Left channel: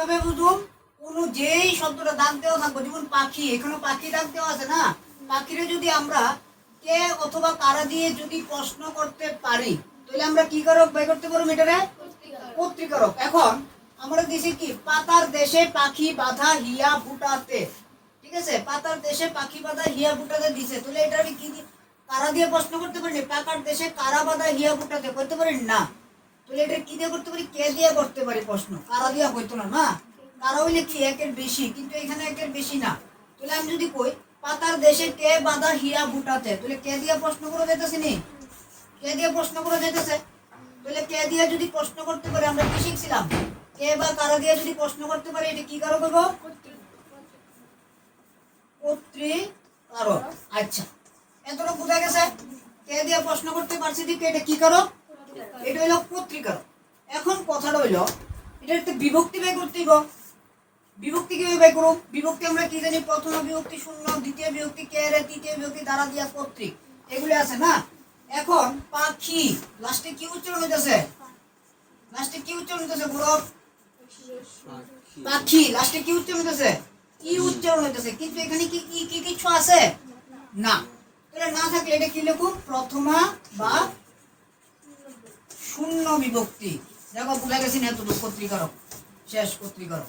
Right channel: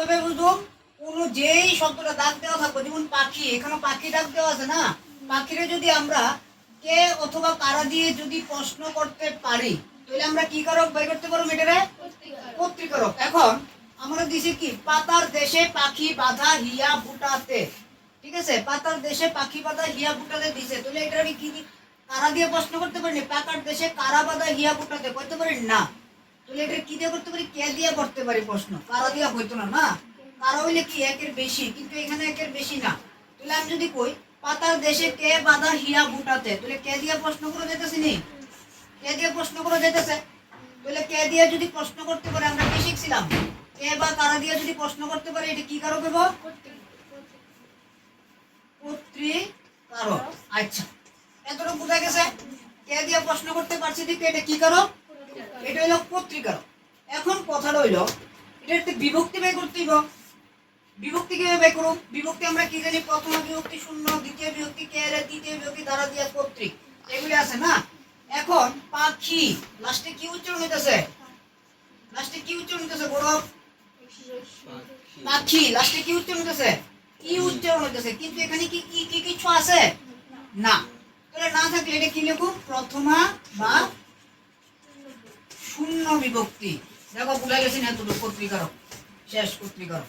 কীভাবে বুঝুম কোনো যেই শব্দটা দাগ দেওয়া থাকবে, যেমন পাখি, এখানে পাখি দাগ দেওয়া আছে না? পাখিরে যদি আমরা কে অথবা কারা দিয়ে যদি প্রশ্ন করতে পারি, তাহলে আমরা কি কারক বাই করতে পারব এটারে কর্তৃকারক এখন আমরা দিছি কি? পাতার দেশে পাখি বাধা হিয়া বুটাতে ঠিক আছে? পাতার দেশে পাখি বাধা হিয়া বুটাতে দিছে। তাহলে এটা কি কারা দিয়ে প্রশ্ন করতে পারি পাকার দেশে কারা বাধা হিয়া বুটাতে করতে পারি না। এটা কি দিয়ে করতে পারি, কে দিয়ে করতে পারি প্রশ্ন? কারা দিয়া হইতো না না? কারা হইলে কি একের বেশি? কিন্তু এখানে একের বেশি না। তাহলে আমি যদি কই, পাতার দেশে কে বাধা হিয়া বুটাতে তাহলে কে দিয়ে প্রশ্ন করে যেতেছি নি? কে দিয়ে প্রশ্ন করে যেতেছে তাহলে কে দিয়ে যদি প্রশ্ন করতে পারে, আমরা কি শিখছিলাম? কে বা কারা দিয়ে যদি প্রশ্ন করতে পারে, এটা কি কারও করব? কর্তৃকারক। আচ্ছা এতটুকু বোঝা গেছে? কে দিয়ে প্রশ্ন করতে পারছি দিকে এটা কি কারক এটা হইল কর্তৃকারক এখন কথাটা হইল এটা একটা বিভক্তি বের করতে হইব। বিভক্তি কীভাবে বের করব? বিভক্তি আমরা কি জানি? প্রথম বিভক্তি শূন্য, দ্বিতীয় বিভক্তি কে, রে, তৃতীয় বিভক্তি দ্বারা দিয়া কর্তৃক এগুলি আছে না? এখন পাখি লাস্টে কি উচ্চারণ হইতেছে? লাস্টে কি উচ্চারণ হইতেছে বড় পাখি লাস্টে কি উচ্চারণ হইতেছে? ই উচ্চারণ হইতেছে। কিন্তু এখানে কি কি কি কিছু আছে? না। তাহলে না থাকলে এটা কি লিখুন প্রথমা বা শূন্য বিভক্তি। দেখো ভুলে গেছি না এতটুকু কর্তৃকারক শেষ কর্তৃকারক